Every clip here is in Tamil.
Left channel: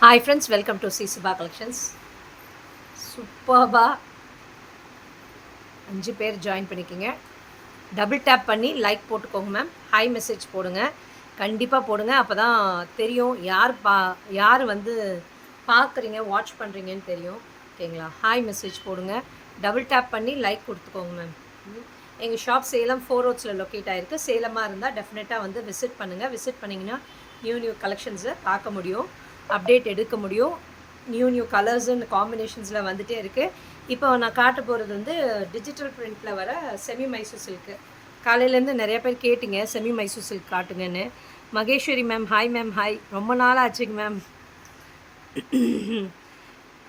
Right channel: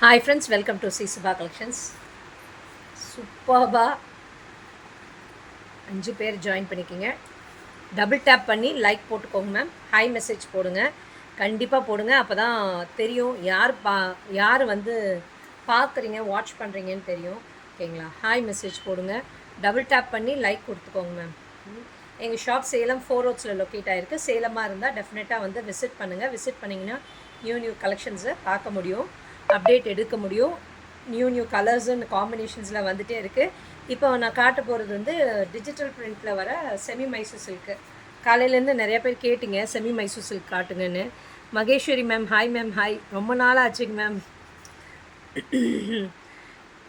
Hi friends, welcome to C Subha collections. சூப்பர்பாக 5 பேர் ஜாயின் பண்ணிக்கிங்க. டபுள் டேப் பண்ணி லைக் போட்டுக்கோங்க மேம். ஹாய் மெசேஜ் போடுங்க, கண்டிப்பாக போடுங்க. அப்போ தான் தெரியும் யார் வந்து பார்க்குறீங்க, வாட்ச் பண்ணுறீங்கன்னு தெரியும். ஓகேங்களா? ஹாய் மெசேஜ் போடுங்க, டபுள் டேப் பண்ணி லைக் கொடுத்துக்கோங்க மேம். எங்கள் ஷாப் சேலம் 4 ரோட்ஸில் லொக்கேட் ஆகிருக்கு. சேலமாக இருந்தால் டெஃபினட்டாக வந்து விசிட் பண்ணுங்கள். விசிட் பண்ணிங்கன்னா நியூ கலெக்ஷன்ஸை பார்க்க முடியும், அப்டேட் எடுக்க முடியும். நியூ கலர்ஸ் அண்ட் காம்பினேஷன்ஸில் வந்துகிட்டே இருக்குது. இப்போ நான் காட்ட போகிறது வந்து டிஜிட்டல் பிரிண்டில் வர செமி மைசூர் சில்க்கு. காலையிலேருந்து நிறைய பேர் கேட்டிங்க செமி மைசூர் சில்க் காட்டுங்கன்னு. Maheswari ma'am hi ma'am. Hi, ரொம்ப நாள் ஆச்சுங்க ma'am.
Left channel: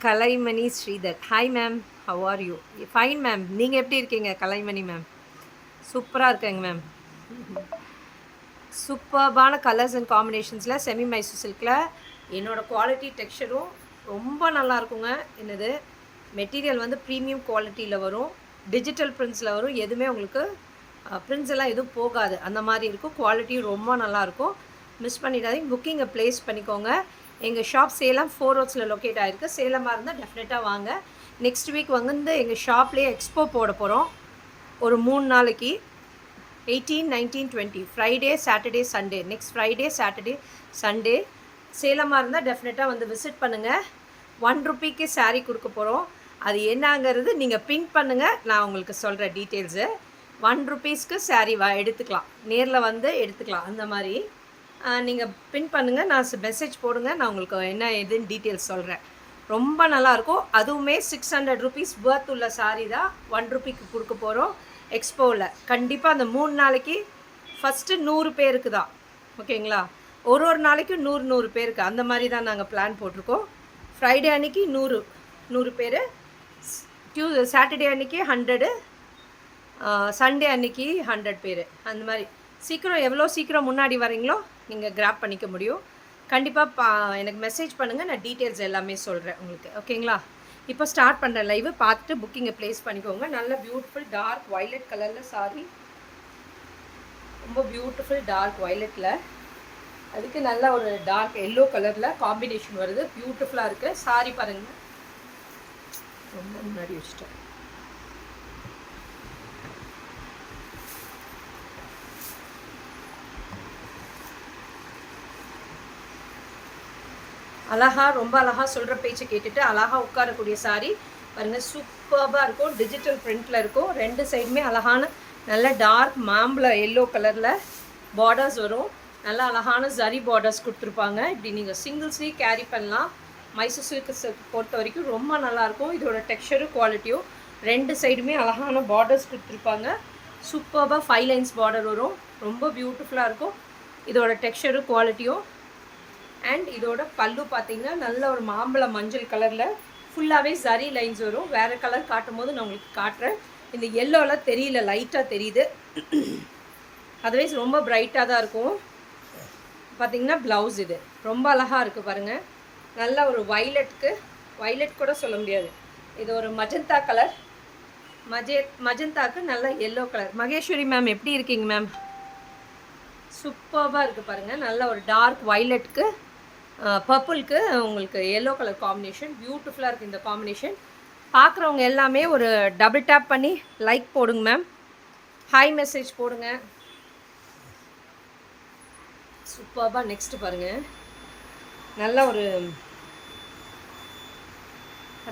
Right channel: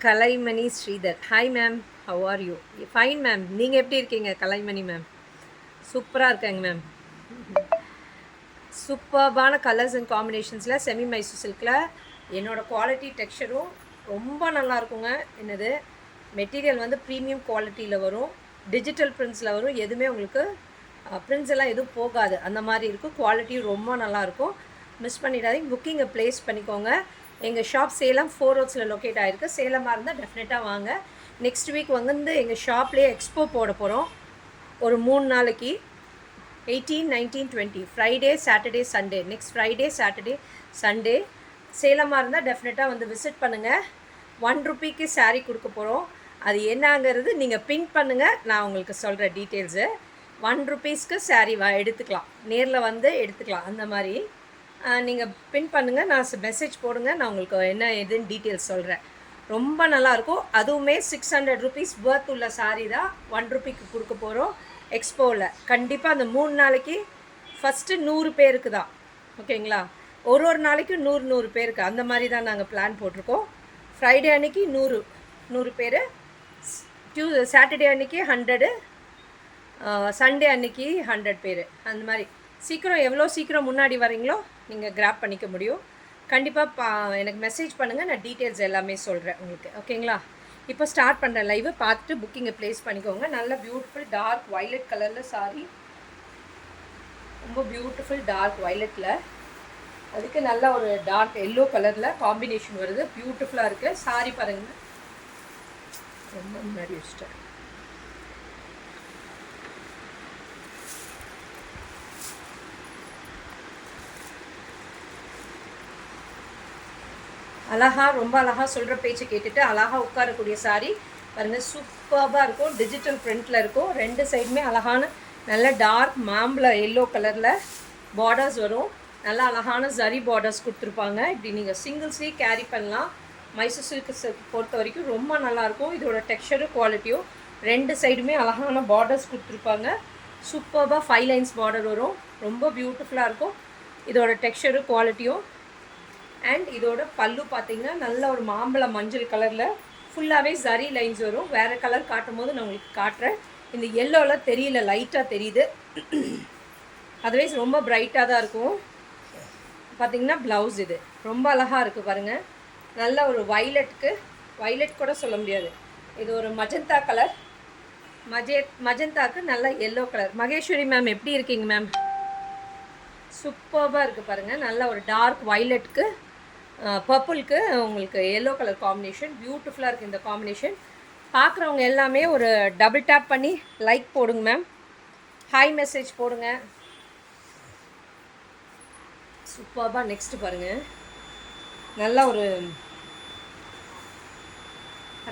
Kalaimani Sridhar hi ma'am, how are you? Fine ma'am, நீங்கள் எப்படி இருக்கீங்க கலைமணி மேம்? சூப்பராக இருக்கேங்க மேம். சூப்பர்பான கலர்ஸ் அண்ட் காம்பினேஷன்ஸில் செமி மைசூர் சில்கில் என்னோடய குவாலிட்டி டெக்ஸ்சரும் ரொம்ப நல்லா இருக்குங்க. என்னது மெட்டீரியல் வந்து ப்ரீமியம் குவாலிட்டியில் வரும், டிஜிட்டல் பிரிண்ட்ஸில் வரும். எதுவுமே உங்களுக்கு பிரிண்ட்ஸ் எல்லாம் எதுவும் போகாது, அந்த மாதிரி இருக்கும். குவாலிட்டியும் ரொம்ப நல்லாயிருக்கும். மிஸ் பண்ணிடாதீங்க, புக்கிங்கை ப்ளேஸ் பண்ணிக்கோங்க. எங்கள் ஷாப் சேலம் 4 ரோட்ஸில் லொக்கேட் ஆகிருக்கு. சேலமாக இருந்தால் டெஃபினட்டாக வாங்க. நெக்ஸ்ட் வீக் வந்து எங்கள் ஷாப்லேயே எக்ஸ்போ போட போகிறோம் ஒரு 3 நாளைக்கு. 18, 19, 20 Friday Saturday Sunday. Next Friday Saturday Sunday. சேலமாக இருந்தால் டெஃபினட்டாக வந்து விசிட் பண்ணுங்கள். 1 ரூபீக்கு சாரீ கொடுக்க போகிறோம். அது என்னங்கிறது நீங்கள் பின் பண்ணுங்கள், நான் உங்களுக்கு சொல்கிறேன் டீட்டெயில்ஸு. 1 ரூபீஸ்க்கு சாரீ எடுத்துக்கலாம், நேரில் வந்து எடுத்துக்கலாம். அந்த மாதிரி நீங்கள் பின் பண்ணுங்கள், நான் மெசேஜ் போடுங்க, நான் உங்களுக்கு என்ன எதுன்னு டீட்டெயில்ஸ் சொல்கிறேன். ரொம்ப நல்லாயிருக்கும். அதுவுமே 600 ரூபீஸ் பர்த் உள்ள சாரீ தான் 1 ரூபீக்கு கொடுக்க போகிறோம் எக்ஸ்போவில். கண்டிப்பாக அந்த 3 நாளைக்கு ஃபஸ்ட்டு 100 பேருக்கு தான். ஓகேங்களா? ஒரு நாளைக்கு 100 பேருக்கு அந்த மாதிரி தான் நாங்கள் பிளான் போட்டிருக்கோம். ஃப்ரைடே அன்றைக்கி 100 பேர், சாட்டர்டே அன்றைக்கி 100, சண்டே அன்றைக்கி 100 பேர். அந்த மாதிரி சீக்கிரம் எவ்வளோ சீக்கிரம் முன்னாடி வரீங்களோ நீங்கள் கிராப் பண்ணிக்க முடியும். கண்டிப்பாக எனக்கு மெசேஜ் பண்ணுங்கள், நான் டீட்டெயில்ஸ் எல்லாமே சொல்கிறேன் உங்களுக்கு. ஓகேங்களா? இப்போ ஸ்டார்ட் பண்ணுற லைவை பார்த்துட்டு புக்கிங்கை ப்ளேஸ் பண்ணிக்கோங்க. நல்ல பியூட்டிஃபுல் டார்க் வைலட் கலரில் சாரி, ரொம்ப பியூட்டிஃபுல் டார்க் வைலட்டில், அதுக்கு நல்ல ஒரு டார்க் எல்லோ கலரில் காம்பினேஷன் வருது. பியூட்டிஃபுல்லாக இருக்குது சாரி. பாருங்கள், ரொம்ப முன்னாடி வச்சுட்டேன். அழகாக, ரொம்ப அழகாக சொல்கிற பேச்சை கேட்டுட்டு அழகாக உட்காரக்கூடிய சாரி பாருங்கள். சூப்பராக இருக்கும், டிஜிட்டல் பிரிண்டில் இருக்கும். 2 சைடுமே அழகான நல்ல டார்க் மாம்பழ எல்லோ கலரில் பார்டர்ஸ் வரும். நல்ல அழகான ஜரி பார்டர்ஸ் கொடுத்துருப்பாங்க. இப்படி நீங்கள் சிங்கிள் ஸ்லீவ் கேரி பண்ணலாம். மைசூர் சில்க் பொறுத்த வரைக்கும் ரொம்ப நல்லாயிருக்கும். இதோட டெக்ஸ்சரும் குவாலிட்டியும் 2 சைடுமே அழகான பார்டர்ஸ் கொடுத்துருப்பாங்க. சூப்பராக 5 லைன்ஸ் பார்டர் வரும். ரொம்ப பியூட்டிஃபுல்லாக இருக்கும் இதோட டெக்ஸ்சரும் குவாலிட்டியும். அண்ட் இதோட பல்லு பார்த்தீங்கன்னா நல்ல ஒரு மாம்பழ மஞ்சள் கலரில் ஃபுல்லாகவே ஜரி லைன்ஸ் வரும். வேறு கலர் காட்டும் போது நான் உங்களுக்கு காட்டுறேன். இந்த எல்லோலாம் தெரியல, லைட்டாக தெரியுது. அதர்வைஸ் ரொம்ப பிரைட்டாக தான் இருக்கும். பார்த்திங்கன்னா ப்ளவுஸ் இது ரொம்ப அழகாக இருக்குது பாருங்கள். நல்ல ஒரு வைலட் கூட சொல்ல முடியாது, இது ஒரு மஜந்தா கலர். மஜந்தாக்கு நல்ல எல்லோ கலர். மகேஸ்வரி மேம் எப்படி இருக்கீங்க மேம்? சூப்பராக இருக்குது பாருங்கள். நல்ல ஒரு டார்க் வைலட்டுக்கு பர்பிளுக்கு உங்களுக்கு எல்லோ கலர் காம்பினேஷன் பியூட்டிஃபுல்லாக இருக்குது. இந்த காம்பினேஷன் பார்க்குறவங்க எல்லாமே ஒரு டபுள் டேப் பண்ணி லைக் போடுங்க மேம். ஹாய் மெசேஜ் போடுங்க. சூப்பராக நெக்ஸ்ட்டு பாருங்கள். நல்ல ஒரு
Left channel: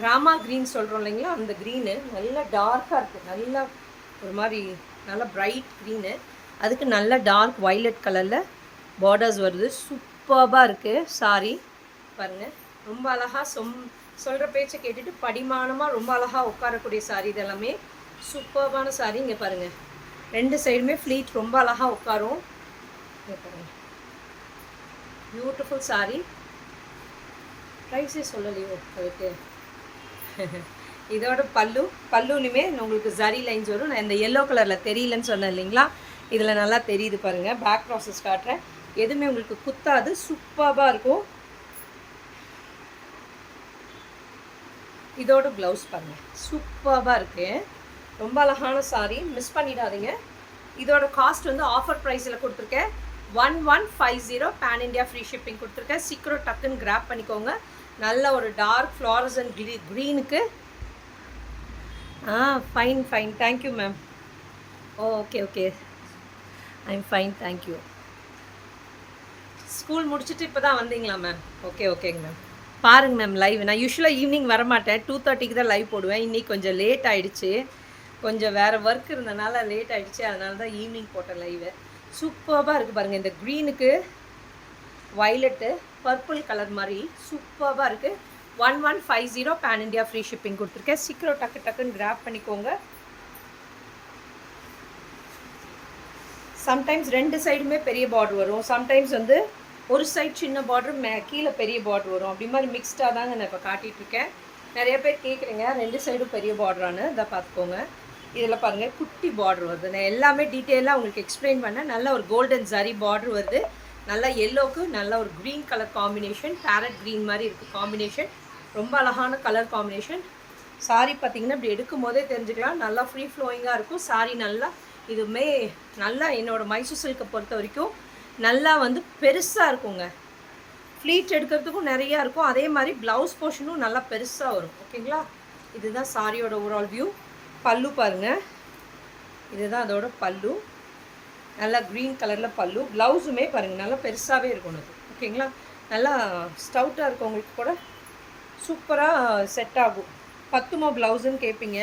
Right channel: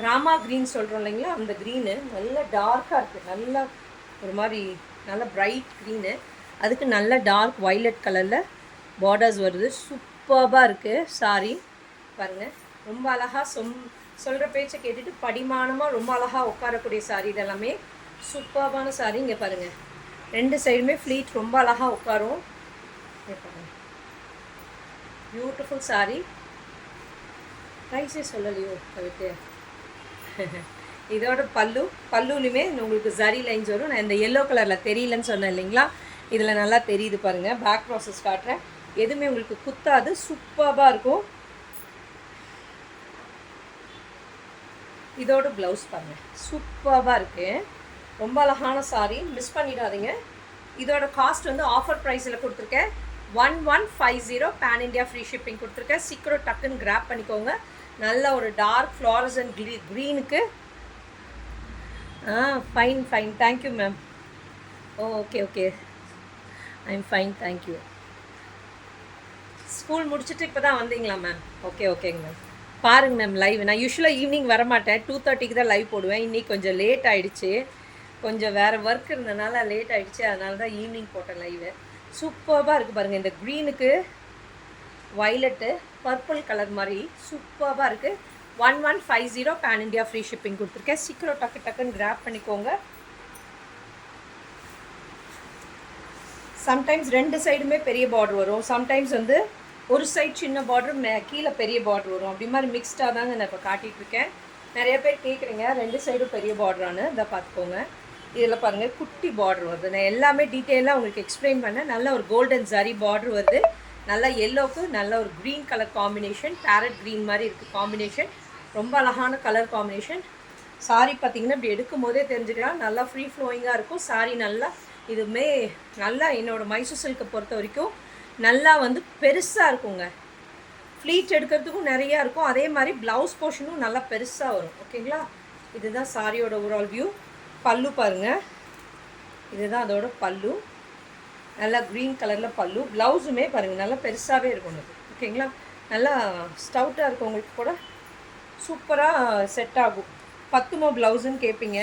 ராமா க்ரீன் சொல்கிறோம் இல்லைங்களா, அந்த க்ரீனு நல்ல டார்க்காக இருக்குது. நல்லா ஒரு மாதிரி நல்ல பிரைட் க்ரீனு, அதுக்கு நல்ல டார்க் வைலட் கலரில் பார்டர்ஸ் வருது. சூப்பராக இருக்குது சாரி பாருங்கள். ரொம்ப அழகாக சொல்கிற பேச்சை கேட்டுட்டு படிமானமாக ரொம்ப அழகாக உட்காரக்கூடிய சாரி. இதெல்லாமே சூப்பரான சாரி. இங்கே பாருங்கள், 2 சைடுமே ஃப்ளீட் ரொம்ப அழகாக உட்காரும். இங்கே பாருங்கள், பியூட்டிஃபுல் சாரி. ப்ரைஸே சொல்லலையோ அதுக்கு. இதோட பல்லுலையுமே உங்களுக்கு ஜரி லைன்ஸ் வரும். நான் இந்த எல்லோ கலரில் தெரியலன்னு சொன்னேன் இல்லைங்களா, இதில் நல்லா தெரியுது பாருங்கள். பேக் ப்ராசஸ் காட்டுறேன், எதுவுமே உங்களுக்கு குத்தாது. சூப்பராக இருக்கும். இதோட ப்ளவுஸ் பாருங்கள், சூப்பராக இருக்குது. ரொம்ப அழகான சாரி, மிஸ் பண்ணிடாதீங்க. இதோட காஸ்ட் வந்து ஆஃபர் ப்ரைஸில் கொடுத்துருக்கேன். 1150 பேன் இண்டியா ஃப்ரீ ஷிப்பிங் கொடுத்துருக்கேன். சீக்கிரம் டக்குன்னு கிராப் பண்ணிக்கோங்க. நல்ல ஒரு டார்க் ஃப்ளாரசன் க்ரீனுக்கு. Fine fine, thank you ma'am. Okay okay, I'm fine, thank you. School முடிச்சுட்டு இப்போ தான் வந்தீங்களா மேம்? ஓகே ஓகேங்க மேம். பாருங்கள் மேம் லைவ். நான் யூஸ்வலாக ஈவினிங் வரமாட்டேன், 2:30க்கு தான் லைவ் போடுவேன். இன்றைக்கி கொஞ்சம் லேட் ஆகிடுச்சு, கொஞ்சம் வேறு ஒர்க் இருந்தனால லேட் ஆகிடுச்சு. அதனால தான் ஈவினிங் போட்டேன் லைவு. சூப்பராக இருக்குது பாருங்கள். இந்த க்ரீனுக்கு வைலட்டு பர்பிள் கலர் மாதிரி சூப்பராக இருக்குது. 1150 பேன் இண்டியா ஃப்ரீ ஷிப்பிங் கொடுத்துருக்கேன். சீக்கிரம் டக்குன்னு கிராப் பண்ணிக்கோங்க. சம்டைம்ஸ் 2 சைடுமே பெரிய பார்டர் வரும், சம்டைம்ஸ் வந்து ஒரு சைட் சின்ன பார்டர் கீழே பெரிய பார்டர் வரும். அப்படி மாதிரி மிக்ஸ்டாக தாங்க நான் இப்போ காட்டிகிட்ருக்கேன். நிறைய பேர் கேட்குறீங்க 2 சைடும் பெரிய பார்டரானு. இதை பார்த்துக்கோங்க. இதில் பாருங்கள் குட்டி பார்டர் வருது. நான் எல்லாமே டீட்டெயிலாக உங்களுக்கு எக்ஸ்பிளைன் பண்ணேன். நல்ல ஒரு கோல்டன் ஜரி பார்டர் வருது. நல்லா எல்லோவுக்கு நல்ல ஒரு green colour combination, farad green மாதிரி இருக்குது காம்பினேஷன். ரொம்ப அழகான கலர் காம்பினேஷன். சாரி பார்த்திங்கன்னா இப்படி எடுக்கும் போதே தெரிஞ்சுக்கலாம், நல்லா ஃப்ரீ ஃப்ளோயிங்காக இருக்கும் சாரி. நல்லா இதுவுமே நல்லா என்னோடய மைசூர் சில்கை பொறுத்த வரைக்கும் நல்லா வந்து பெருசாக இருக்குங்க. ஃப்ளீட் எடுக்கிறதுக்கும் நிறையா இருக்கும். அதே மாதிரி ப்ளவுஸ் போர்ஷனும் நல்லா பெருசாக வரும். ஓகேங்களா? இதுதான் சாரியோட ஓவரால் வியூ. பல்லு பாருங்கள், இதுதான் அதோட பல்லு. நல்லா க்ரீன் கலரில் பல்லு. ப்ளவுஸுமே பாருங்கள் நல்லா பெருசாகவே இருக்கும் அது. ஓகேங்களா? நல்லா ஸ்டவுட்டாக இருக்கவங்களுக்கு கூட சூப்பராக செட் ஆகும். பத்துமோ ப்ளவுஸுன்னு கேட்பீங்க,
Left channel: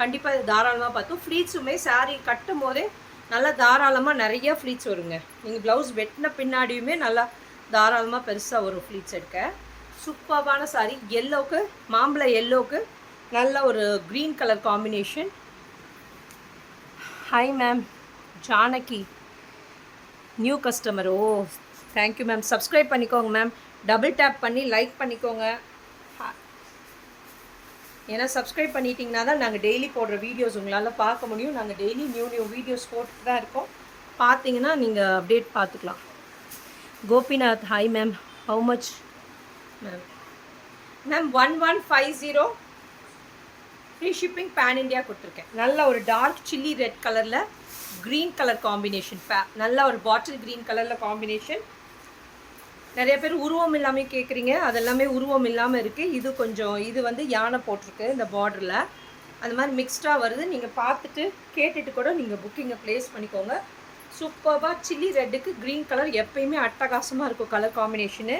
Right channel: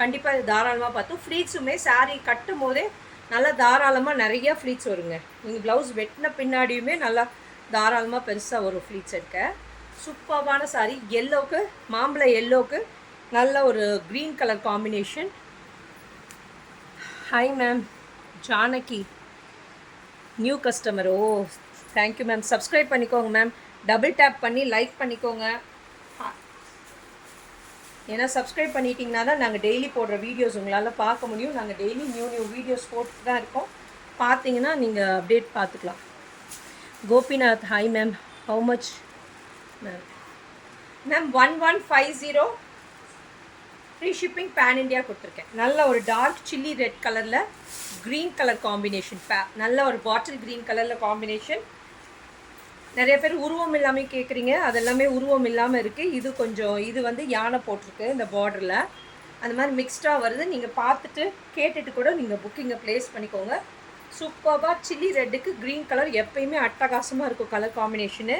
கண்டிப்பாக இது தாராளமாக பார்த்தும். ஃப்ளீட்ஸுமே சாரீ கட்டும் போதே நல்லா தாராளமாக நிறையா ஃப்ளீட்ஸ் வருங்க. நீங்கள் ப்ளவுஸ் வெட்டின பின்னாடியுமே நல்லா தாராளமாக பெருசாக வரும் ஃப்ளீட்ஸ் எடுக்க. சூப்பரான சாரீ. எல்லோவுக்கு மாம்பழ எல்லோவுக்கு நல்ல ஒரு green colour combination. Hi ma'am, Janaki new customer. Oh thank you ma'am. Subscribe பண்ணிக்கோங்க மேம், டபுள் டேப் பண்ணி லைக் பண்ணிக்கோங்க. ஏன்னா சப்ஸ்கிரைப் பண்ணிட்டீங்கன்னா தான் நாங்கள் டெய்லி போடுற வீடியோஸ் உங்களால் பார்க்க முடியும். நாங்கள் டெய்லி நியூ வீடியோஸ் போட்டு தான் இருக்கோம். பார்த்தீங்கன்னா நீங்கள் அப்டேட் பார்த்துக்கலாம். Gopinath hi ma'am. How much ma'am? Ma'am 1150 free shipping pan India கொடுத்துருக்கேன். நல்ல ஒரு டார்க் சில்லி ரெட் கலரில் க்ரீன் கலர் காம்பினேஷன். நல்ல ஒரு பாட்டில் க்ரீன் கலரில் காம்பினேஷன். நிறைய பேர் உருவம் இல்லாமல் கேட்குறீங்க, அதெல்லாமே உருவம் இல்லாமல் இருக்குது. இது கொஞ்சம் இது வந்து யானை போட்டிருக்கு இந்த பார்டரில், அந்த மாதிரி மிக்ஸ்டாக வருது. நீங்கள் பார்த்துட்டு கேட்டுட்டு கூட நீங்கள் புக்கிங்கை ப்ளேஸ் பண்ணிக்கோங்க. சூப்பராக சில்லி ரெட்டுக்கு க்ரீன் கலர் எப்பயுமே அட்டகாசமாக இருக்கும் கலர் காம்பினேஷனு.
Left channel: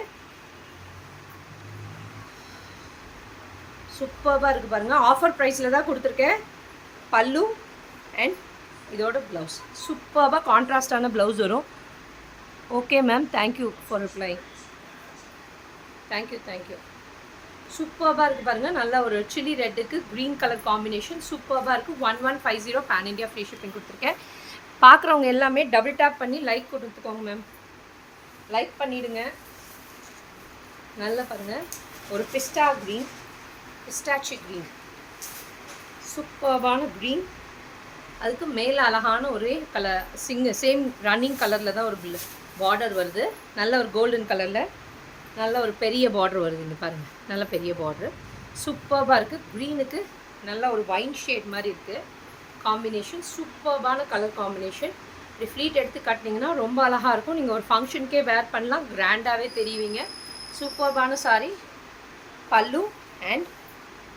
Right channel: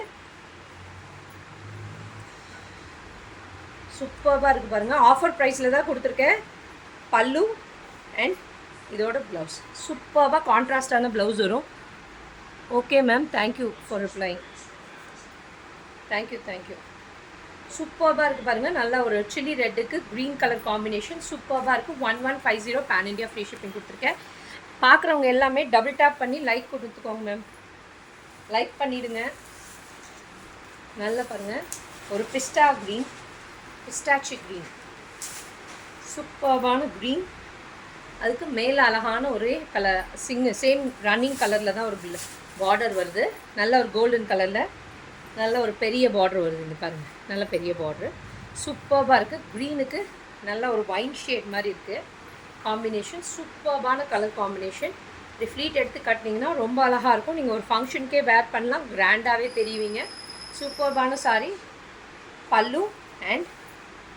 சூப்பராக இருக்குது பாருங்கள். ஆஃபர் ப்ரைஸில் தான் கொடுத்துருக்கேன். பல்லு அண்ட் இதோட ப்ளவுஸ் சூப்பராக கான்ட்ராஸ்டான ப்ளவுஸ் வரும். Okay ma'am, thank you for replying. Thank you. சூப்பராக இருக்குது பாருங்கள். நல்ல ஒரு சில்லி ரெட்டுக்கு க்ரீன் கலர் காம்பினேஷன் சூப்பராக இருக்குது. 1150 பேன் இண்டியா ஃப்ரீ ஷிப்பிங் கொடுத்துருக்கேன். பார்க்குறவங்க எல்லாமே டபுள் டேப் பண்ணி லைக் கொடுத்துக்கோங்க மேம். லைக் பண்ணிவிடுங்க. நல்லா பாருங்கள், ஒரு பிஸ்டாச்சி க்ரீன் சூப்பரான க்ரீன். அதுக்கு மேலே அழகான ஒரே கலர் சேம் ரன்னிங் கலரில் தான் ஒரு பார்டர் வருது. நல்ல ஒரு கோல்டன் கலரில் நல்ல ஒரு பெரிய பார்டர் வருது. இங்கே பாருங்கள், நல்ல பெரிய பார்டர் சூப்பராக இருக்குது. க்ரீனுக்கு நல்ல ஒரு வைன் ஷேட் மாதிரி இருக்குது காம்பினேஷன். சூப்பரான கலர் காம்பினேஷன். இப்படி ஃப்ளீட் எடுத்து கட்டினீங்கன்னா ரொம்ப அழகாக இருக்கும். நீங்கள் ஒரு ஃபங்க்ஷனுக்கே வேர் பண்ணலாம், கிராண்டாகவே தெரியுவீங்க. சூப்பரான சாரீ. பல்லு அண்ட்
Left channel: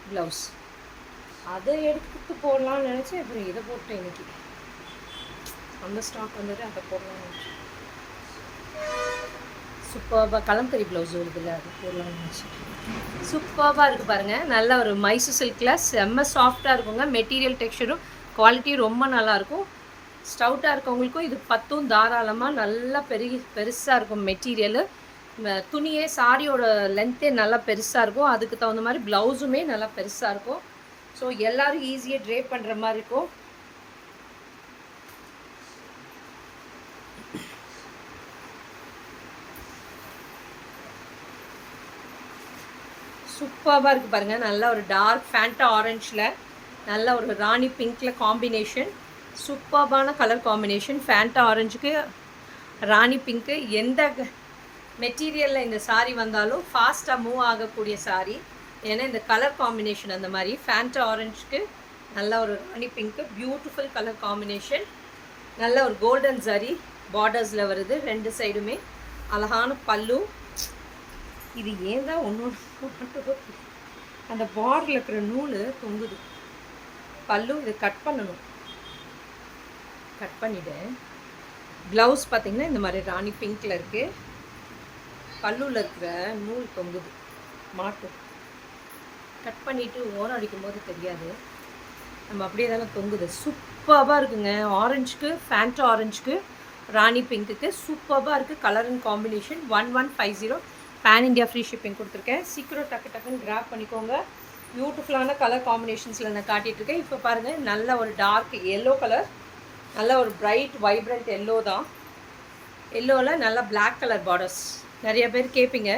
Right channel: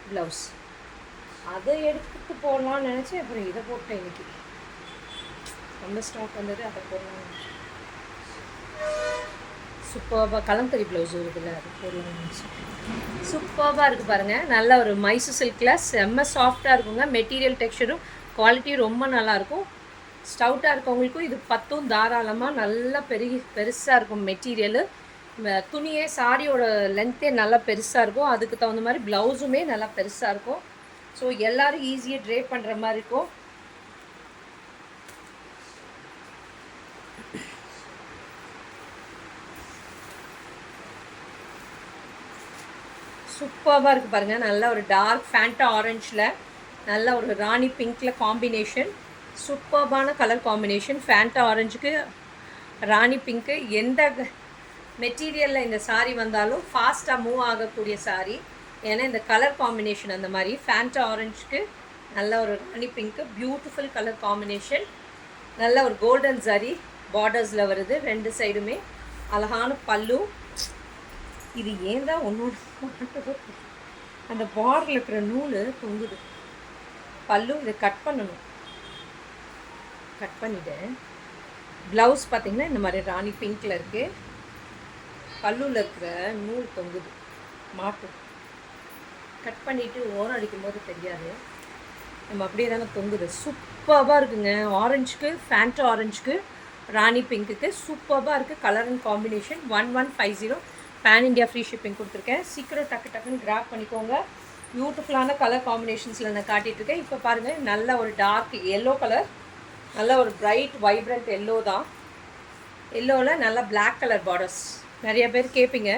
ப்ளவுஸ். அதை எடுத்துகிட்டு போடலான்னு நினச்சேன், அப்புறம் இதை போட்டேன். இன்றைக்கி அந்த ஸ்டாக் வந்துட்டு அதை போடலான்னு. சூப்பராக கலம்கரி ப்ளவுஸ் வருதுல்ல, அது போடலான்னு நினச்சேன். சூப்பராக இருக்குது பாருங்கள். நல்ல ஒரு மைசூர் சில்கில் செம்ம சாஃப்டாக இருக்குங்க. மெட்டீரியல் டெக்ஸ்சரும் குவாலிட்டியும் ரொம்ப நல்லாயிருக்கும். ஸ்டவுட்டாக இருக்கவங்களுக்கும் இது பத்தும் தாராளமாக நல்லா பெருசாக இருக்கும் மெட்டீரியலு. துணியே சாரியோட லென்த்தே நல்லா பெருசாக இருக்கும். அதுக்கு தகுந்த மாதிரி ப்ளவுஸுமே நல்லா பெருசாக இருக்கும். ஸோ எல்லோரும் ஈஸியாக ட்ரேப் பண்ணுற மாதிரி இருக்கும். சூப்பராக இருக்குது பாருங்கள். நல்ல ஒரு டார்க் ஃபேண்டா ஆரஞ்சில் நல்ல ஒரு ராணி பிங்க்கில் காம்பினேஷன். சூப்பரான கலர் காம்பினேஷன். ஃபேண்டா ஆரஞ்சுக்கு ராணி பிங்க்கு. எந்த மெட்டீரியலில் இந்த சாரீ வந்தாலும் ஃபாஸ்ட்டாக மூவ் ஆகக்கூடிய சாரீ. ஏன்னா இந்த கலர் காம்பினேஷன் அந்த மாதிரி. ஃபேண்டா ஆரஞ்சுக்கு நல்ல ஒரு ராணி பிங்க்கு பியூட்டிஃபுல் கலர் காம்பினேஷன். நல்ல ஒரு கோல்டன் ஜரி பார்டர்ஸில் வருது, 2 சைடுமே அழகான பல்லு. இது ஏன் தான் ஒன்று அந்த பார்டரில் இருக்கிற நூல் தொங்குது. பல்லு இதை கட் பண்ணணும், கட் பண்ணிவிட்டேன். ப்ளவுஸ் பார்த்திங்கன்னா இந்த மாதிரி ராணி பிங்க்கில் இருக்குது. பல்லுவில் இருக்கிற நூல் தொங்குது, மாட்டும். கட் பண்ணிவிட்டு ஓரம் அடிக்கும்போது தெரியாது, நம்ம அப்படியே தானே தொங்குது. சூப்பராக இருக்குங்க. ஆரஞ்சுக்கு, ஃபேண்டா ஆரஞ்சுக்கு, ராணி பிங்க்குக்கு சூப்பராக இருக்குது. Colour and combination 1150. Pan India free shipping கொடுத்துருக்கேன். சீக்கிரம் டக்குன்னு கிராப் பண்ணிக்கோங்க. பியூட்டிஃபுல்லான கலர் காம்பினேஷன்ஸில் நான் காட்டிகிட்ருக்கேன். இப்போ பாருங்கள், நல்ல ஒரு டார்க் எல்லோ கலர், நல்ல ஒரு பிரைட் வைப்ரண்ட் எல்லோ தான். எல்லோவில் நல்ல பிளாக் கலர் பார்டர்ஸ். நிறைய பேர் கேட்பீங்க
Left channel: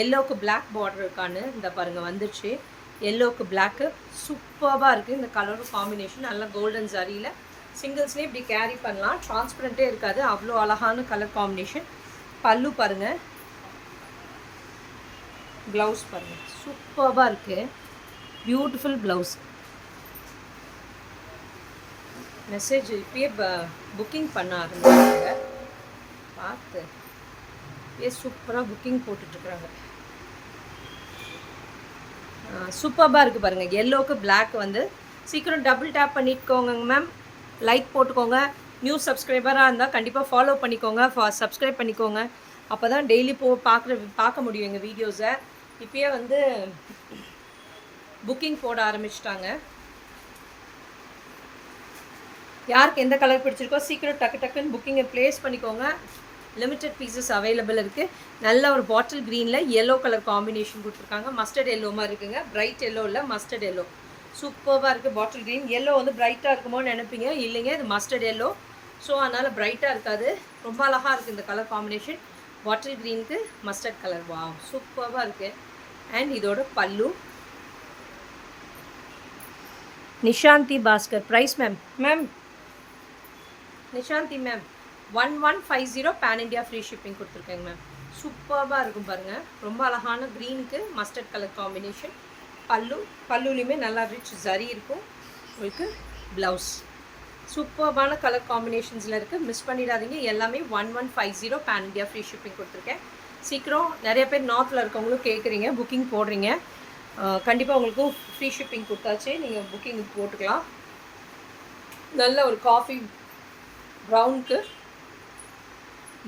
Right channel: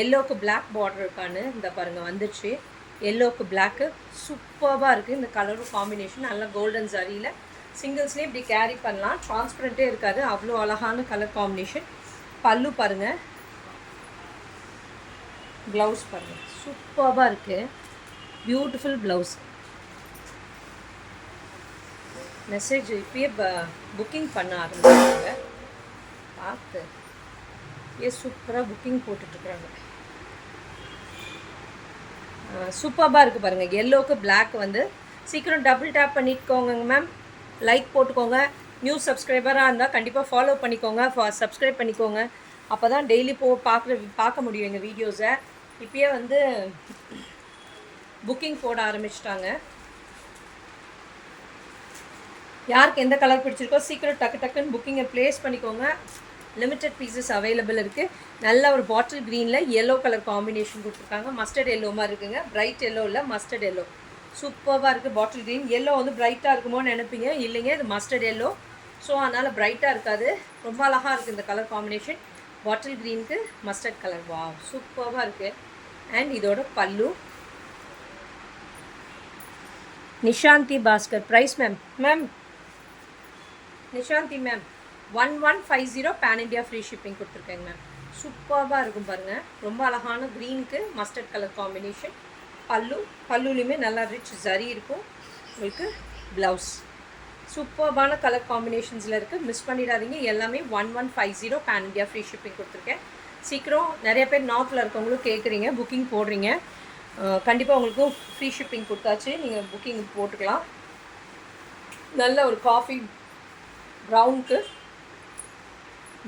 எல்லோவுக்கு பிளாக் பார்டர் இருக்கான்னு. இந்த பாருங்கள் வந்துடுச்சு. எல்லோவுக்கு பிளாக்கு சூப்பராக இருக்குது. இந்த கலரும் காம்பினேஷன் நல்ல கோல்டன் ஜரியில் சிங்கிள்ஸ்லேயே இப்படி கேரி பண்ணலாம். டிரான்ஸ்பரண்ட்டே இருக்காது, அவ்வளோ அழகான கலர் காம்பினேஷன். பல்லு பாருங்கள், ப்ளவுஸ் பாருங்கள், சூப்பராக இருக்குது. Beautiful blouse. மெசேஜ் இப்பயே புக்கிங் பண்ண ஆரம்பிச்சாங்க. பார்த்து சூப்பராக புக்கிங் போட்டுட்ருக்குறாங்க. சூப்பராக இருக்குது பாருங்கள். எல்லோவுக்கு பிளாக் வந்து சீக்கிரம் டபுள் டேப் பண்ணிக்கோங்க மேம். லைக் போட்டுக்கோங்க. நியூ சப்ஸ்கிரைபராக இருந்தால் கண்டிப்பாக ஃபாலோ பண்ணிக்கோங்க, சப்ஸ்கிரைப் பண்ணிக்கோங்க. அப்போ தான் டெய்லி பார்க்க முடியும் எங்கள் வீடியோஸை. இப்போயே வந்து புக்கிங் போட ஆரம்பிச்சிட்டாங்க. யாருக்கு எந்த கலர் பிடிச்சிருக்கோ சீக்கிரம் டக்குன்னு புக்கிங்கை ப்ளேஸ் பண்ணிக்கோங்க. லிமிட்டட் பீசஸ் அவைலபிள் இருக்குது. நல்ல ஒரு பாட்டில் க்ரீனில் எல்லோ கலர் காம்பினேஷன் கொடுத்துருக்காங்க. மஸ்டர்ட் எல்லோ மாதிரி இருக்குங்க. பிரைட் எல்லோ இல்லை, மஸ்டர்ட் எல்லோ. சூப்பராக இருக்குது. பாட்டில் க்ரீன் எல்லோ வந்து பிரைட்டாக இருக்குமோன்னு நினைப்பீங்க, இல்லைங்க, இது மஸ்டர்ட் எல்லோ. ஸோ அதனால் பிரைட்டாக இருக்காது. ரொம்ப அழகாக இருக்குது இந்த கலர் காம்பினேஷன். பாட்டில் க்ரீனுக்கு மஸ்டர்ட் கலர். வா, சூப்பராக இருக்குது. அண்ட் இதோட பல்லு. Nishanthi Bhaskar price ma'am Nishanthi ma'am 1150 pan India free shipping கொடுத்துருக்கேங்க மேம். சூப்பராக இருக்கும் பாருங்கள். ரொம்ப அழகான க்ரீனுக்கு மஸ்டர்ட் கலர் காம்பினேஷன். பல்லுலேயுமே நல்லா ரிச் ஜரி இருக்கும். உங்களுக்கு ப்ளவுஸ் சூப்பர்பான கலர் காம்பினேஷன்ஸில் இருக்குது. மிஸ் பண்ணிடாதீங்க. எல்லாமே 1150 பேன் இண்டியா ஃப்ரீ ஷிப்பிங் கொடுத்துருக்கேன். சீக்கிரம் நிறைய பேர் நார்த்தில் இருக்கவங்களும் கேட்குறீங்க, புக்கிங் போடுறீங்க. கண்டிப்பாக உங்களுக்கும் ஃப்ரீ ஷிப்பிங் கொடுத்தாச்சு, நீங்கள் புக்கிங் போட்டுக்கலாம். நல்ல ஒரு காஃபி ப்ரௌனுக்கு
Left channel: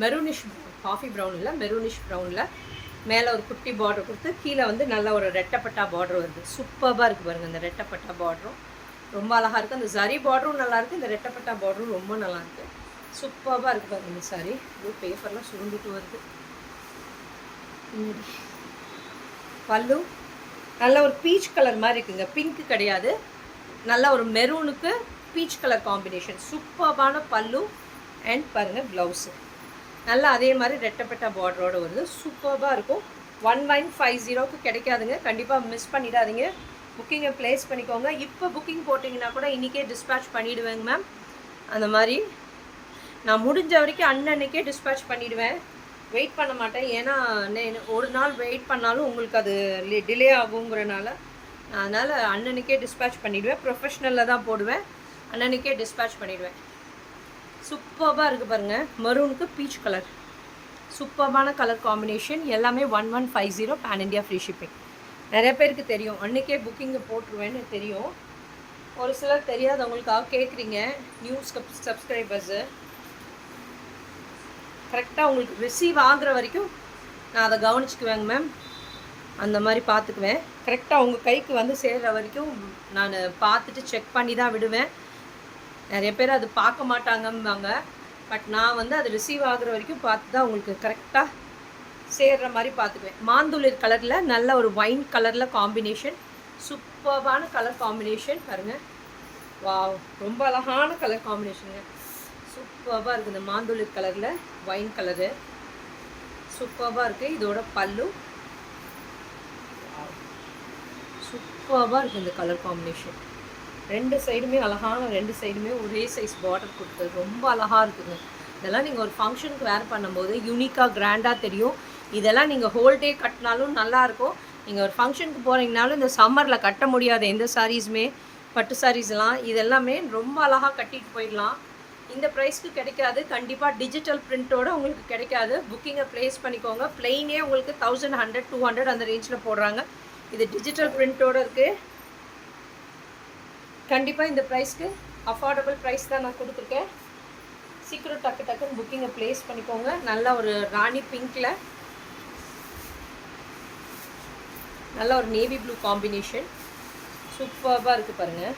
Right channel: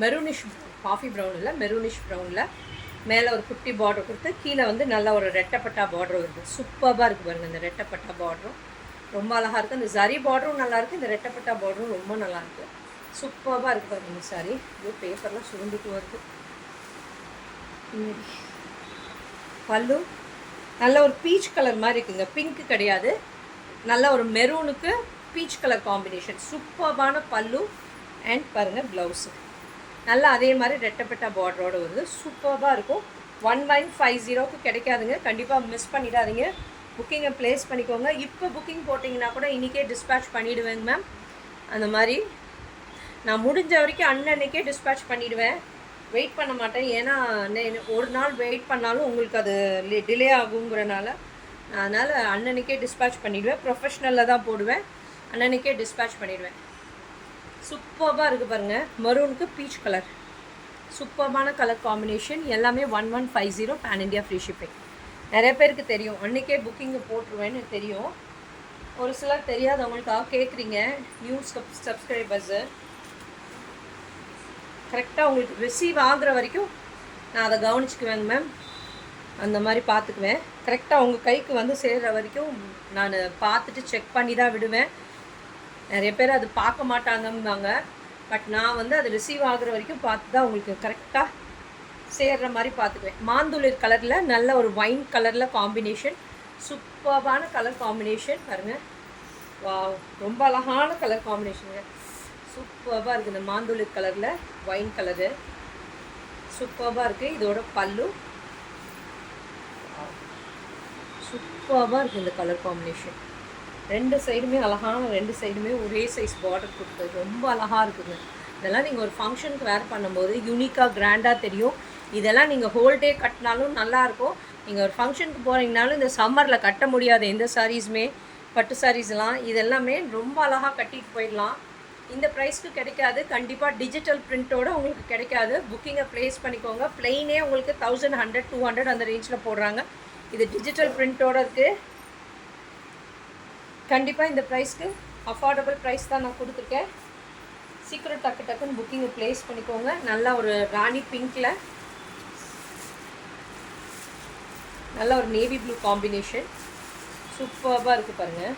மெரூனிஷ், காஃபி ப்ரௌன் இல்லை, மெரூனிஷ் ப்ரௌனில் மேலே ஒரு குட்டி பார்டர் கொடுத்து கீழே வந்து நல்ல ஒரு ரெட்டப்பட்டா பார்டர் வருது. சூப்பராக இருக்குது பாருங்கள். இந்த ரெட்டப்பட்டா பார்டரும் ரொம்ப அழகாக இருக்குது. அந்த ஜரி பார்டரும் நல்லாயிருக்கு, இந்த ரெட்டப்பட்டா பார்டரும் ரொம்ப நல்லாயிருக்கு. சூப்பராக இருக்குது பாருங்கள் இந்த சாரி. இது பேப்பர்லாம் சுருண்டுட்டு வருது. பல்லு நல்ல ஒரு பீச் கலர் மாதிரி இருக்குங்க. பிங்க்கு கிடையாது, நல்ல ஒரு மெரூனுக்கு பீச் கலர் காம்பினேஷன். சூப்பரான பல்லு. அண்ட் பாருங்கள் ப்ளவுஸு நல்லா அதே மாதிரி ரெட்டப்பட்டா பார்டரோடு வருது. சூப்பராக இருக்கும். 1150க்கு கிடைக்காதுங்க. கண்டிப்பாக மிஸ் பண்ணிடாதீங்க. புக்கிங்கை ப்ளேஸ் பண்ணிக்கோங்க. இப்போ புக்கிங் போட்டிங்கன்னா கூட இன்றைக்கே டிஸ்பேட்ச் பண்ணிவிடுவேங்க மேம். அந்த மாதிரி நான் முடிஞ்ச வரைக்கும் அன்னன்னைக்கே டிஸ்பேட்ச் பண்ணிவிடுவேன். வெயிட் பண்ண மாட்டேன். ஏன்னா ஒரு நாள் வெயிட் பண்ணாலும் உங்களுக்கு அது டிலே ஆகுங்கிறனால அதனால் அன்னன்னைக்கே டிஸ்பேட்ச் பண்ணிவிடுவேன். ப்ரொஃபஷ்னலில் தான் போடுவேன். அன்னன்னைக்கே டிஸ்பேட்ச் பண்ணிவிடுவேன். சூப்பராக இருக்குது பாருங்கள். மரூனுக்கு பீச் கலர். சூப்பரான கலர் காம்பினேஷன். எல்லாமே 1150 பேன் இண்டியா ஃப்ரீ ஷிப்பிங். நிறைய பேருக்கு தெரியும், அன்றைக்கே புக்கிங்கை போட்டுருவேன்னு தெரியும். ஒரு சிலர் தெரியாதவங்களுக்காக கேட்குறீங்க, நியூ சப்ஸ்கிரைபர்ஸு. கரெக்டாக உங்களுக்கு ரிசீவ் ஆகிற வரைக்கும் நான் அதை கவனிச்சுக்குவேங்க மேம். அந்த மாதிரி பார்த்துக்குவேன். கரெக்டாக உங்கள் கைக்கு வந்து சேர்கிற வரைக்கும் நான் பார்த்துட்டு செக் பண்ணி தான் விடுவேன். நிறைய பேர் அது பார்க்க மாட்டாங்கம்பாங்க. பட் நான் வந்து அது ரிசீவ் ஆகிற வரைக்கும் பார்த்து தான் உங்களுக்கு கரெக்டாக சேர்கிற மாதிரி பார்த்துக்குவேன். மாந்துளிர் கலரில் நல்ல ஒரு ஒயின் கலரில் காம்பினேஷன். சூப்பரான கலர் காம்பினேஷன் பாருங்கள். வாவ், ரொம்ப அழகான கலர் காம்பினேஷனுங்க. சூப்பராக இருக்குது. இந்த மாந்துளிர் கலரில் ஒயின் கலரு சூப்பராக இருக்குது. இதோட பல்லு சூப்பராக இருக்குது. இந்த கலர் காம்பினேஷன் 2 சைடுமே அழகான, 2 சைடுமே ஒரே சைஸ் பார்டர் கொடுத்தது ரொம்ப அழகாக இருக்குங்க. இதெல்லாம் நீங்கள் ஒரு ஃபங்க்ஷனுக்கு வேர் பண்ணும்போது யூனிக்காக கிராண்டாக தெரியும். இதெல்லாம் நீங்கள் ஹோல் டே கட்டினாலும் நல்லாயிருக்கும். நீங்கள் ஒரு ஃபங்க்ஷனுக்கு போகிறீங்கனாலும் இந்த சம்மரில் கட்ட முடியாத எந்த சாரீஸுமே, பட்டு சாரீஸ்லாம் இதெல்லாமே ரொம்ப அழகாக கட்டிட்டு போயிடலாம். இந்த ப்ரைஸ்க்கு கிடைக்காது. கண்டிப்பாக டிஜிட்டல் பிரிண்ட்டோட உங்களுக்கு கிடைக்காது. புக்கிங்கை ப்ளேஸ் பண்ணிக்கோங்க. ப்ளெயினே உங்களுக்கு 1100 200 அந்த ரேஞ்சில் போடுறாங்க. இது டிஜிட்டல் பிரிண்ட்டோடு இருக்குது. கண்டிப்பாக இந்த ப்ரைஸ்க்கு அஃபோர்டபுள் ப்ரைஸ் தான் நான் கொடுத்துருக்கேன். சீக்கிரம் டக்குன்னு புக்கிங்கை ப்ளேஸ் பண்ணிக்கோங்க. நல்ல ஒரு ராணி பிங்க்கில் நல்ல ஒரு நேவி ப்ளூ காம்பினேஷன் சூப்பராக இருக்குது பாருங்கள்.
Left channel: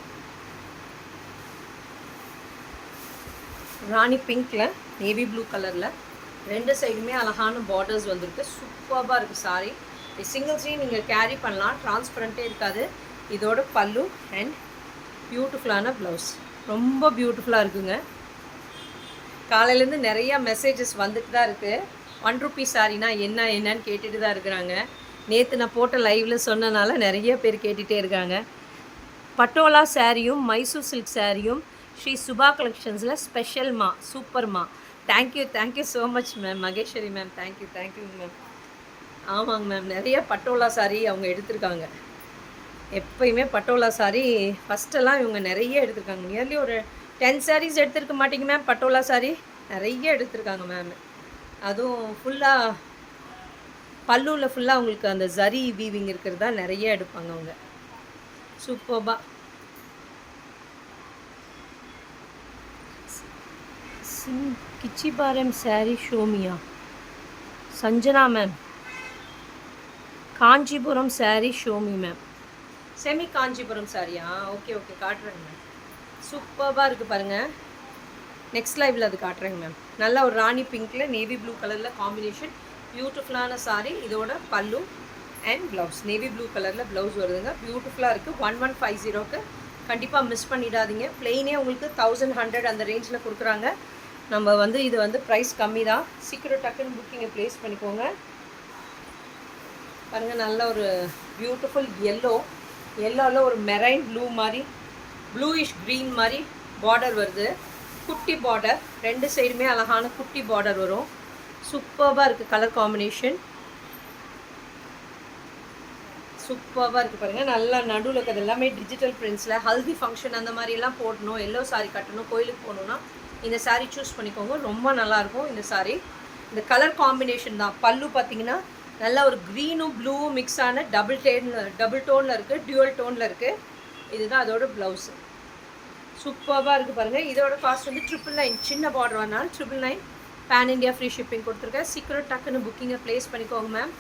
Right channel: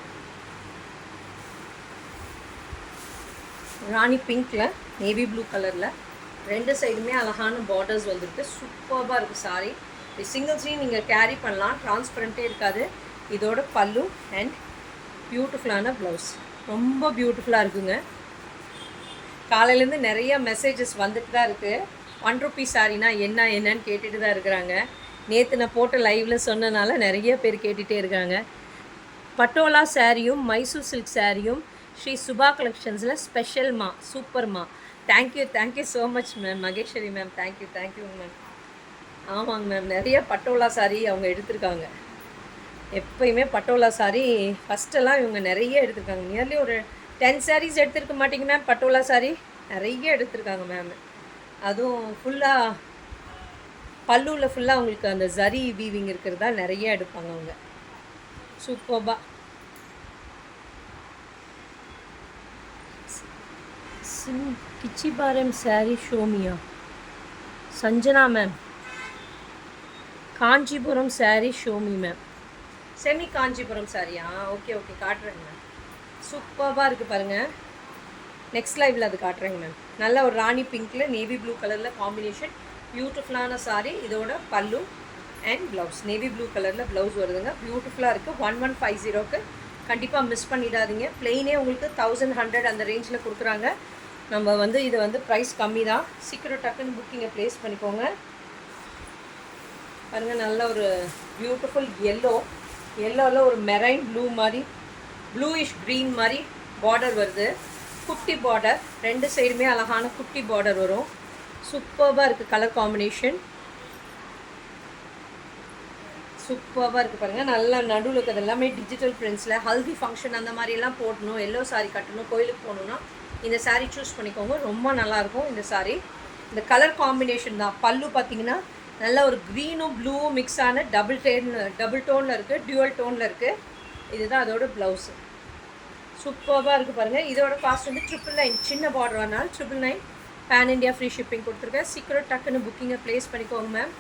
ராணி பிங்க்கில் நேவி ப்ளூ கலரில் 2 சைடுமே அழகான பார்டர்ஸ் வந்துருக்கு. சூப்பராக இருக்குது சாரி. சிங்கிள்ஸ்லையும் நீங்கள் கேரி பண்ணலாம், டிரான்ஸ்பரண்ட்டே இருக்காது. இதோட பல்லு அண்ட் பியூட்டிஃபுல்லான ப்ளவுஸ் ரொம்ப பியூட்டிஃபுல்லாக இருக்குங்க. காலையிலேருந்து நிறையா மெசேஜஸ் வந்துட்டு தான் இருக்குது. 1 ரூபீ சாரினா என்னன்னு கேட்டுட்டு தான் இருக்கிறாங்க. நேற்று நான் போட்ட லைவில் சொன்னனால நிறைய பேர் கேட்டுகிட்டே இருக்காங்க. பட்டோலா சாரியும் மைசூர் சில்க் சாரியும் ஸ்ரீ சுபா கலெக்ஷன்ஸில் ஸ்பெஷல்மா, சூப்பர்மா. Thank you so much ma'am. Maheswari ma'am thank you ma'am. ஆமாங்க மேம், நிறைய பட்டோலா சாரி அவங்க எடுத்திருக்காங்க. எப்போயுமே பட்டோலா சாரி ஃபஸ்ட்டெல்லாம் இவங்க நிறைய எடுத்திருக்காங்க. நியர்லி ஒரு 10 சாரீஸ் எடுத்திருக்க மாட்டேங்க மேம். பட்டோலா சாரி நிறைய எடுத்திருக்காங்க மேம். அதுவும் ஃபுல்லாக பல்லுவில் ஃபுல்லாக உங்களுக்கு அந்த ஜரி வீவிங் இருக்கிறதா நிறைய எடுப்பாங்க அவங்க. சூப்பர்பா. கிச்சிபாரம் சாரி ஷோமியா Sanjana ma'am. Kanchipuram sari show me ma'am. Semi Kanchipuram சாரியா? ஓகே காட்டுறேங்க மேம். சூப்பராக இருக்குது பாருங்கள். நெக்ஸ்ட் லைவில் அது காட்டுறேங்க மேம். நல்ல ஒரு ராணி பிங்க்கில் நேவி ப்ளூ கலரில் காம்பினேஷன் பியூட்டிஃபுல்லான சாரி. இதோட பல்லு அண்ட் ப்ளவுஸ் நேவி ப்ளூ கலரில் ப்ளவுஸ் வருதுங்க. பியூட்டிஃபுல்லாக இருக்குது. 1150க்கு கண்டிப்பாக மிஸ் பண்ணிடாதீங்க. ப்ளெயினே உங்களுக்கு 1100 அந்த ரேஞ்சில் கொடுக்குறாங்க. நம்ம இது ப்ரைஸ் கம்மி தான். சீக்கிரம் டக்குன்னு புக்கிங்கை ப்ளேஸ் பண்ணிக்கோங்க. பாருங்கள், நல்ல ஒரு பியூட்டிஃபுல் எல்லோவில் ஒரு மெரைன் ப்ளூ மாதிரி ப்ளூயிஷ் க்ரீன் மாதிரி பார்டர் வருது. குட்டி பார்டர், 2 சைடுமே அழகான குட்டி பார்டர் வரும். சூப்பராக இருக்குது. கலர் காம்பினேஷன் சூப்பராக இருக்குது பாருங்கள். நல்லா நடுவில் இருக்கிறது எல்லாமே டிஜிட்டல் பிரிண்ட்ஸில் ஹல்தி ஃபங்க்ஷன் அந்த மாதிரிலாம் போடணும், எல்லோ சாரி கட்டணும், கோயிலுக்கு போகணுன்னா இந்த சாரீ சூஸ் பண்ணிக்கோங்க. ரொம்ப நல்லாயிருக்கும் இந்த சாரீ. இந்த கலர் காம்பினேஷன் தான். பல்லு பார்த்தீங்கன்னா நல்ல ஒரு க்ரீனும் ப்ளூவும் மிக்ஸ் ஆன டபுள் டோனில் இருக்குது, டியூவல் டோனில் இருக்குது. இதுதான் அதோட ப்ளவுஸு. சூப்பராக இருக்குது பாருங்கள். இதோட காஸ்ட் 999. சின்ன பார்டர் வரனால 999. பேன் இண்டியா ஃப்ரீ ஷிப்பிங் கொடுத்துருக்கேன். சீக்கிரம் டக்குன்னு புக்கிங்கை ப்ளேஸ் பண்ணிக்கோங்க மேம்.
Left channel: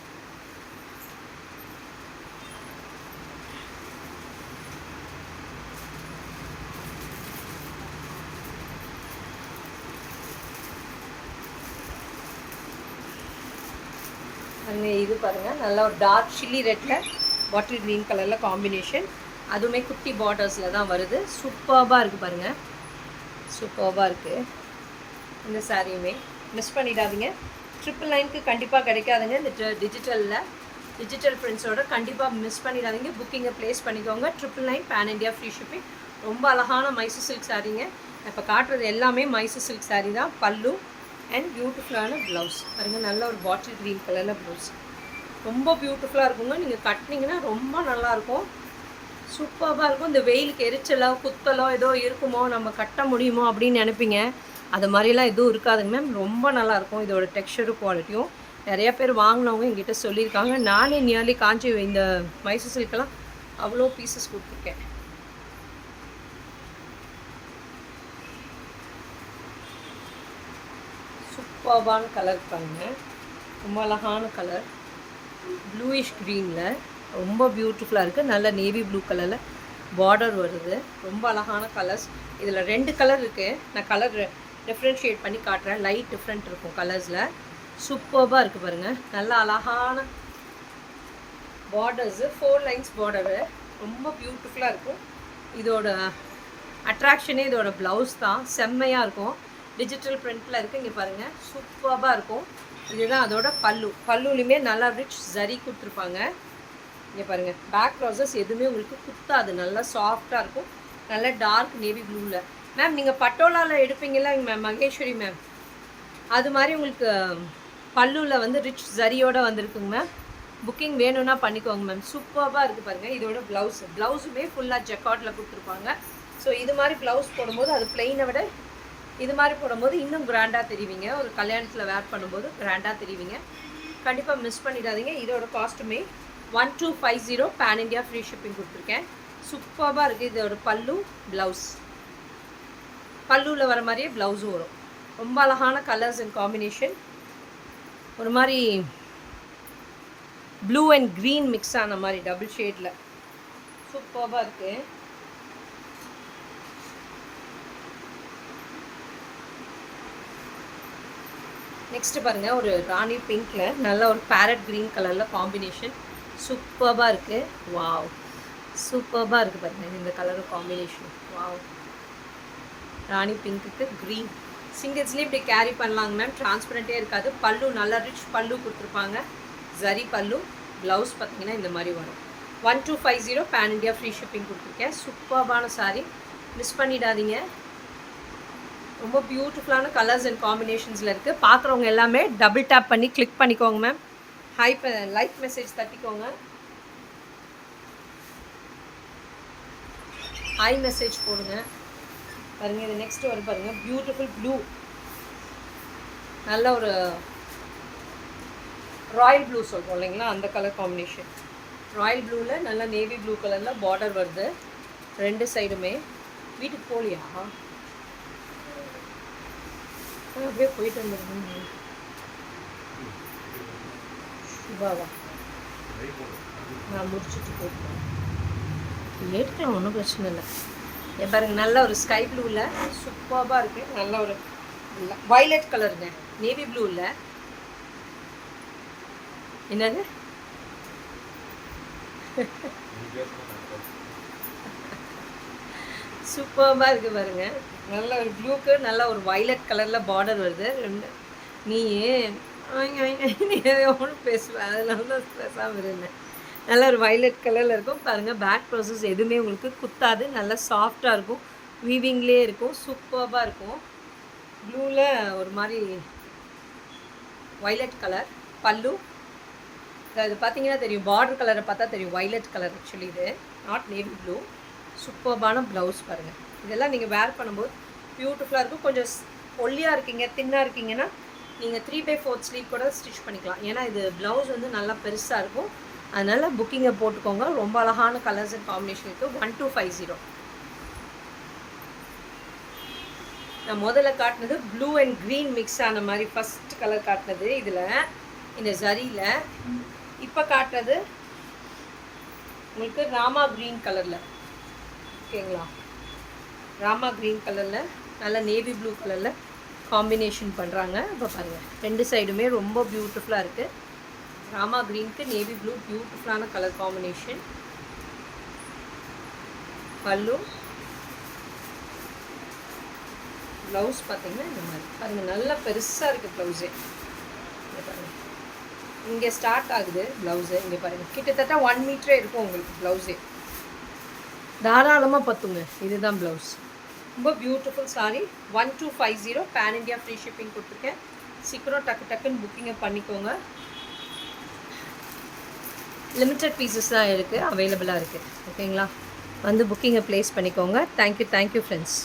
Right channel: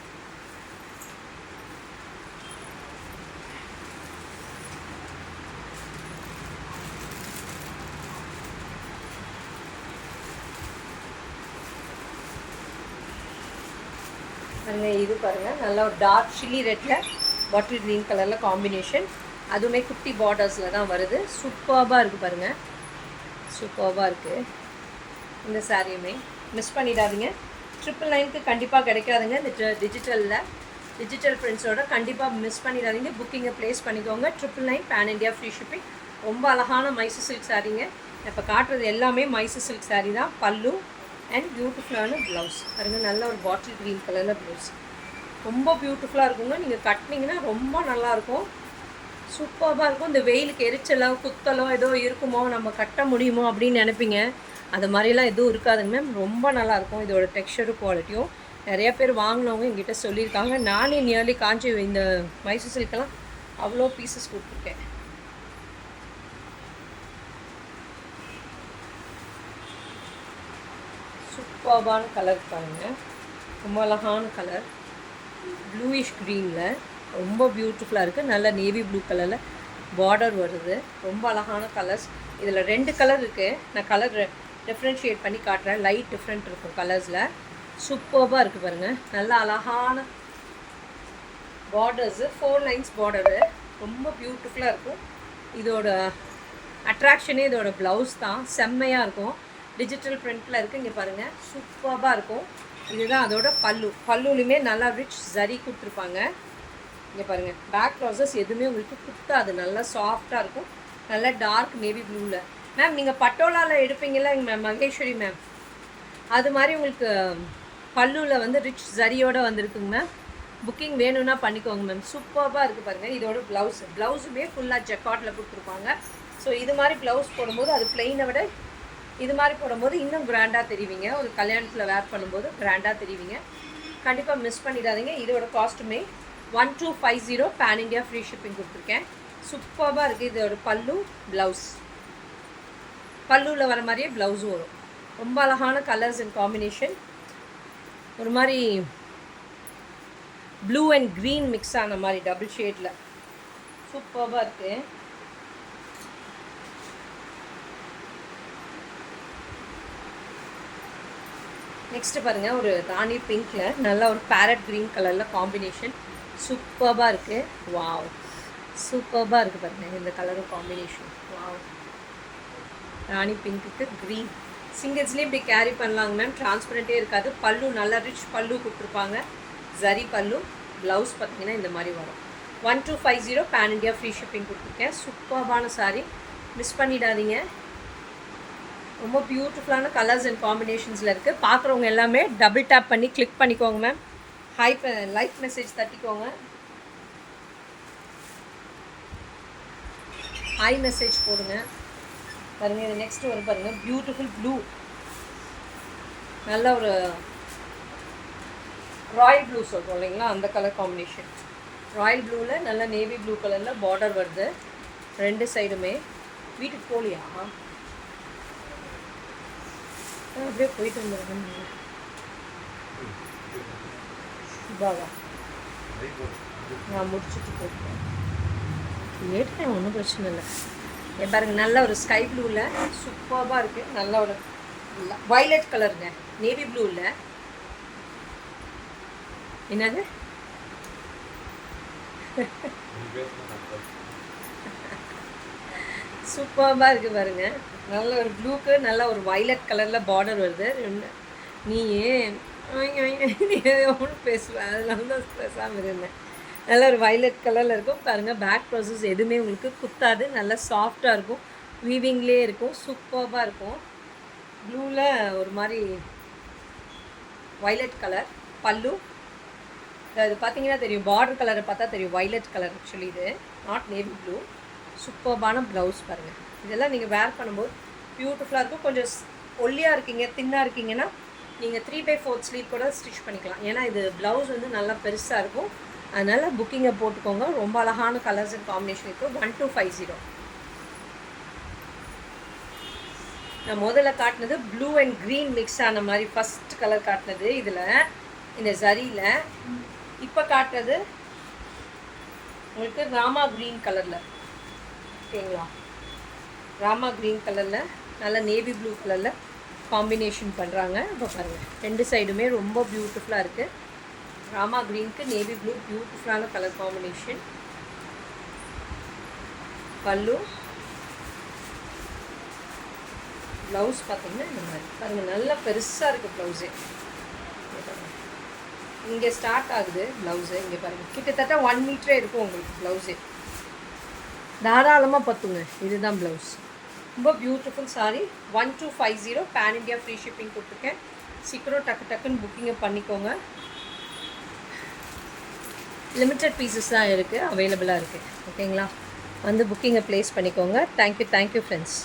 இது பாருங்கள், நல்லா ஒரு டார்க் சில்லி ரெட்டில் பாட்டில் க்ரீன் கலரில் காம்பினேஷன். அதுவுமே குட்டி பார்டர்ஸில் தான் வருது. சூப்பராக இருக்குது பாருங்கள். சூப்பராக இருக்குது. இந்த சாரியுமே மிஸ் பண்ணிடாதீங்க. 999க்கு கண்டிப்பாக கிடைக்காதுங்க. இந்த டிஜிட்டல் பிரிண்ட்ஸோட கண்டிப்பாக மிஸ் பண்ணிடாதீங்க. புக்கிங்கை ப்ளேஸ் பண்ணிக்கோங்க. 999 பேன் இண்டியா ஃப்ரீ ஷிப்பிங். ரொம்ப அழகான மைசூர் சில்க் சாரீங்க. இப்போ காட்டுறது எல்லாமே மைசூர் சில்க் சாரீ தான். பல்லு அண்ட் பியூட்டிஃபுல்லான ப்ளவுஸ் பாருங்கள். நல்ல ஒரு பாட்டில் க்ரீன் கலரில் ப்ளவுஸ் ரொம்ப பியூட்டிஃபுல்லாக இருக்குங்க. நீங்கள் கட்டினீங்கன்னா ரொம்ப நல்லாயிருக்கும். சூப்பராக இருக்கும். இந்த வெயிலுக்கு எரிச்சலோ குத்தலோ ஏதோ இருக்குமோ, நம்ம கட்ட முடியுமோ அப்படின்னு நினைப்பீங்க. அது மாதிரிலாம் எதுவும் இருக்காதுங்க மேம். ரொம்ப நல்லாயிருக்கும். இதோட டெக்ஸ்சரும் குவாலிட்டியும் நிறைய பேர் வாங்கினவங்க எங்கிட்ட சொல்லியிருக்காங்க. நானே நியர்லி காஞ்சி இந்த மைசூர் சில்கெல்லாம் அவ்வளோ பீசஸ் கொடுத்துருக்கேன். சூப்பர்பான கலர் பாருங்கள். ரொம்ப அழகான கலர் ப்ளூயிஷ் க்ரீனில் ரொம்ப பியூட்டிஃபுல்லாக இருக்குது. நல்ல நேவி ப்ளூ கலரில் பார்டர் வருது. ரொம்ப அழகான கலர்ஸ். இதில் 2 கலர் இருக்குது. நான் கலர் டிஃப்ரென்ஷியேட் பண்ணி காட்டுறேன். லைட் டிஃப்ரெண்ட் இருக்கும் கலர்ஸில். சூப்பராக இருக்குது பாருங்கள். நல்ல அழகான பார்டர்ஸு 4 லைன்ஸ் பார்டரு ரொம்ப பியூட்டிஃபுல்லாக இருக்கும். இதோட அட்ராக்ஷனே இதோட ப்ளவுஸ் தான். செம்மையாக இருக்கும். டிஜிட்டல் பிரிண்ட்டில் இருக்குது. இங்கே பாருங்கள், சூப்பராக இருக்கும். இதுதான் அதோட பல்லுலையுமே நல்லா ரிச் ஜரி கொடுத்துருப்பாங்க. இங்கே பாருங்கள், பேக் ப்ளவுசஸ் எதுவுமே உங்களுக்கு குத்தாது. நல்லா சாஃப்டாக இருக்கும். நல்லா டார்க் நேவி ப்ளூவில். மேம் நீங்கள் பட்டோலாவில் எடுப்பீங்களா மேம் மகேஸ்வரி மேம்? அது மாதிரி உங்களுக்கு பல்லுவில் ரிச் ஜரியோடு வந்திருக்குங்க மேம். புக்கிங் வேணும்னா பண்ணிக்கோங்க மேம். சூப்பராக இருக்குது பாருங்கள். இதோட ப்ளவுஸுமே ஃபுல்லாக ஜெக்கார்டில் கொடுத்துருப்பாங்க. ஸோ இது மாதிரி ப்ளவுஸ் போடும்போது அது பிளெயினை விட இது மாதிரி போடும்போது இன்னும் கிராண்டாக தெரிவிங்க. ஒரு கல்யாணத்தில் வேர் பண்ணும்போது கிராண்டாக தெரிவிங்க. கண்டிப்பாக மிஸ் பண்ணிடாதீங்க. இதோட காஸ்ட்டுமே 1250 பேன் இண்டியா ஃப்ரீ ஷிப்பிங் கொடுத்துருக்கேன். சூப்பராக இருக்குது. இதோட பல்லு, ப்ளவுஸ், பல்லுவில் வர மாதிரியே ப்ளவுஸும் வரும். ரொம்ப அழகான கலர்ஸ் அண்ட் காம்பினேஷன். ஒரு மாதிரி ப்ளூ அண்ட் க்ரீன் மிக்ஸ் ஆன மாதிரி டபுள் ஷேடில் சூப்பராக இருக்குது. நெக்ஸ்ட்டு பாருங்கள், ஒரு ராணி பிங்க்கில் நல்ல ஒரு பேரட் க்ரீன் கலரில் காம்பினேஷன் சூப்பராக இருக்குது. வாவ், சூப்பராக இருக்குது பாருங்கள் இந்த கலரும் காம்பினேஷன். வாவ், ராணி பிங்க்குக்கு க்ரீன். சிங்கிள்ஸ்லேயும் இப்படி கேரி பண்ணலாங்க மேம். டிரான்ஸ்பரண்ட்டே இருக்காது. பல்லு நல்லா ரிச் பல்லு கொடுத்துருப்பாங்க. ஜரி பல்லு. ப்ளவுஸ் பார்த்தீங்கன்னா இந்த மாதிரி வரும். 1250 பேன் இண்டியா ஃப்ரீ ஷிப்பிங் கொடுத்துருக்கேன். சூப்பரான சாரீ, மிஸ் பண்ணிடாதீங்க. ரொம்ப பியூட்டிஃபுல்லான கலர்ஸ் அண்ட் காம்பினேஷன்ஸில் இருக்குது. பார்க்குறவங்க எல்லாமே டபுள் டேப் பண்ணி கிளிக் பண்ணிக்கோங்க மேம். லைக் மெசேஜ் தட்டிக்கோங்க. ஹை மெசேஜ் போடுங்க. பாருங்கள், இது நெக்ஸ்ட்டு வரும் பாருங்கள். பியூட்டிஃபுல் ப்ளூ, நல்ல ஒரு ராயல் ப்ளூ சொல்கிறோம் இல்லைங்களா, அந்த கலர் காம்பினேஷன். ராயல் ப்ளூவில் நல்ல நேவி ப்ளூ கலரில் பார்டர் வருது ரெண்டு சைடுமே. வீட்டுக்கு போகலையா? அப்படியே போயிட்டு வந்துடுங்க. சுபாவா நான் முடிச்சுட்டு போயிட்டேன். ஏற்றுக்கலாம், ஒன்றும் பிரச்சனை இல்லை. பாருங்கள், நல்ல ஒரு ஸ்கை ப்ளூவில் சூப்பராக இருக்குது. நல்ல ஒரு வயலட் கலருங்க, நேவி ப்ளூவில். என்னது சூப்பராக இருக்குது பாருங்கள். நல்ல ஒரு ப்ளூக்கு நல்ல ஒரு வயலட் கலரில் பார்டர் வருது. நீ ஒன்றும் பேசுவேன், அதில் வந்து பேசாமல் இருந்தேன். நல்ல ஒரு வயலட் கலரில் இருக்கும் பாருங்கள். பேக் ப்ராசஸ் எதுவுமே உங்களுக்கு குத்தாது. நல்லா சாஃப்டாக இருக்கும். வீவிங்லேயே இருக்கும். சூப்பராக இருக்கும். ப்ளூவில் ஒரு மாதிரி வயலட் கலர் பல்லு. அது பார்த்தீங்கன்னா தெரியும், பார்டர் கலரை பார்த்தா தெரியும் வயலட் கலர். ஆக்சுவலி இது நாட் நேவி ப்ளூ. சூப்பர்பான ப்ளவுஸ் பாருங்கள். இதெல்லாம் நீங்கள் வேர் பண்ணும்போது பியூட்டிஃபுல்லாக இருக்கும். கொஞ்சம் ஒல்லியாக இருக்கீங்க, தின்னாக இருக்கீங்கன்னா நீங்கள் 3/4 ஸ்லீவ் கூட ஸ்டிச் பண்ணிக்கலாம். ஏன்னா இது ப்ளவுஸ் வந்து நல்லா பெருசாக இருக்கும். அதனால் புக்கிங்கை போட்டுக்கோங்க. ரொம்ப அழகான கலர்ஸ் அண்ட் காம்பினேஷன் இருக்குது. 1250. நான் முதல்ல காட்டினது ப்ளூ அண்ட் க்ரீன் மிக்ஸ் ஆன மாதிரி ஃபஸ்ட் கலர் காட்டினது இதில் இந்த ஜரியில். இப்போ காட்டுறது உங்களுக்கு ராமா க்ரீன் கலரில். ஓகேங்களா, ராமா க்ரீன் கலரில் நல்ல நேவி ப்ளூ கலரில் காம்பினேஷன் பண்ணுறாங்க. இப்போ பாருங்கள், ரெண்டு சைடுமே ரொம்ப பியூட்டிஃபுல்லாக இருக்குது. ராமா க்ரீனுக்கு நேவி ப்ளூ பியூட்டிஃபுல்லான கலர் காம்பினேஷன். பல்லு, ப்ளவுஸ் பார்த்தீங்கன்னா இந்த மாதிரி பாருங்கள். நல்லா பெருசாக இருக்குது ப்ளவுஸே. இங்கே பாருங்கள், இங்கே ஸ்டார்ட் ஆகுது ப்ளவுஸு. இங்கே பாருங்கள், கிட்டத்தட்ட 1 மீட்டரே இருக்கும் உங்களுக்கு ப்ளவுஸே. தாராளமாக பத்துங்க. இதுதான் ப்ளவுஸ். ரொம்ப beautiful sari. 1250 pan India free shipping கொடுத்துருக்கேன். சீக்கிரம் டக்குன்னு புக்கிங்கை பண்ணிக்கோங்க. லிமிட்டட் பீசஸ் தான் இருக்குது, அவைலபிளாக இருக்குது. ஓகேங்களா, வந்து புக்கிங்கை ப்ளேஸ் பண்ணிக்கோங்க. Thank you friends.